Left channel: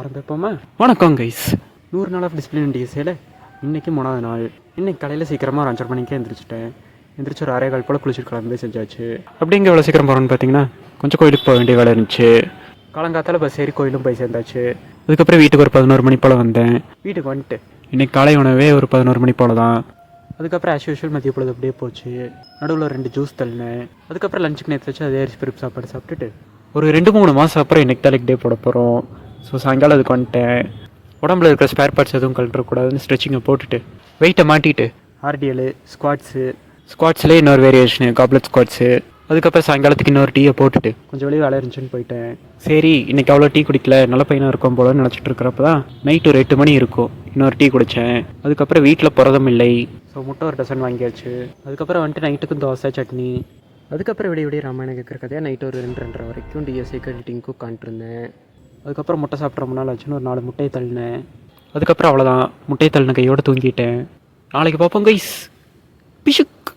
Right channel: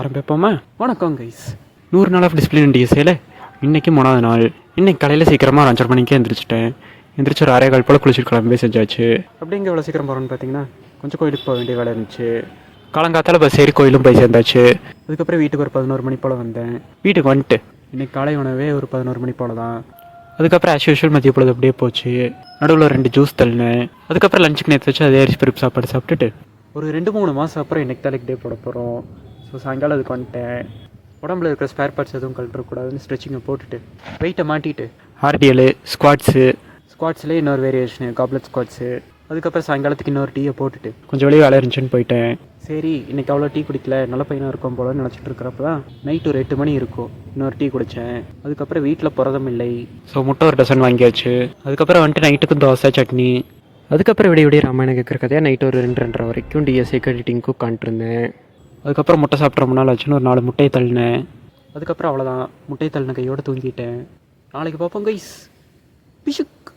ஆரம்பிப்போமா? வணக்கம் கைஸ். 100 நாள் of discipline டிஎஸ்ஏல இன்றைக்கி 3வது நாள். இன்றைக்கி காலையில் சீக்கிரமாக ஒரு 5:30 மணிக்கே எழுந்திரிச்சிட்டேன். எந்திரிச்சு ஒரு 6:15 போல் குளிச்சுட்டு கிளம்பி செஞ்சாச்சு. அப்படி இங்கே எவ்வளோ சீக்கிரம் போகிறோன்னு பார்த்தீங்கன்னா, கொஞ்சம் கோயிலுக்கு போக வேண்டிய வேலை இருந்துச்சு. காலங்காத்தால் பஸ் ஏறி கோயிலும் போய் சேர்ந்தாச்சு. அதுக்கப்புறம் வீட்டுக்கு ஒரு 11 மணி போல் வந்தேன். வீட்டுக்கு வந்துட்டு இன்றைக்கி காலை உணவே ஒரு 11 மணி போல் தான். அதுக்கப்புறம் ஆஸ் யூஷுவல் மதிய பொழுது அப்படியே போச்சு. நடுவில் 2 ஜூஸ் தள்ளினேன். அதுக்கப்புறம் லஞ்சுக்கு நேற்று வச்சு அதே அரிசி பருப்பு சாப்பாடு சாப்பிட்டுட்டு ஒரு 2-3 மாதம் அப்புறம் இன்றைக்கி தான் லெக் டே போட போகிறோம். ஸோ சாயங்காலம் அதுக்கு வந்துட்டேன். உடம்புல இருக்கிற ஸ்பேர் பார்ட்ஸ் எதுவும் கழட்டக்கூடாதுன்னு ஸ்ட்ரெச்சிங்கை போட்டுட்டு வெயிட்டை மாட்டிட்டு ஆர்டிஎல் ஸ்குவாட்ஸ்லேயே இன்னொரு வேரியேஷனு காப்லெட் ஸ்குவாட்ஸு. அதுக்கப்புறம் சாயங்காலத்துக்கு இன்னொரு டீயை போட்டுட்டு கொஞ்சம் வெளியே வேலை இருந்துச்சுன்னு போயிட்டேன். சரி இன்றைக்கி அவ்வளோ டீ குடிக்கல, நல்ல பையனாக இருக்கும் போலன்னு நினச்சிட்டு இருக்கிறப்ப தான் நைட்டு ஒரு 8 மணி இருக்கும். இன்னொரு டீ குடித்தேன். அதுக்கப்புறம் வீட்டில் புரதம் இல்லை, ஸோ முட்டை ஒரு டசன் வாங்கியாச்சு. அதுக்கப்புறம் வந்துட்டு நைட்டுக்கும் தோசை சட்னி. அதுக்கப்புறம் விடிய ராமாயணம் கேட்குற கதையாக நைட்டு ஒரு 2-2:30 வரைக்கும் டிஎஸ்ஏக்கு எடிட்டிங்க்கு உட்காந்துருந்தேன். அதுக்கப்புறம் முட்டை சாப்பிட்ற முன்னால் ஆச்சுன்னு ஒரு 4 முட்டையை தள்ளினேன். அதுக்கப்புறம் அவ்வளோதான், முட்டையை தள்ளின கையோடு தூங்கிட்டேன். நாளைக்கு பார்ப்போம் கைஸ். பிஷுக்.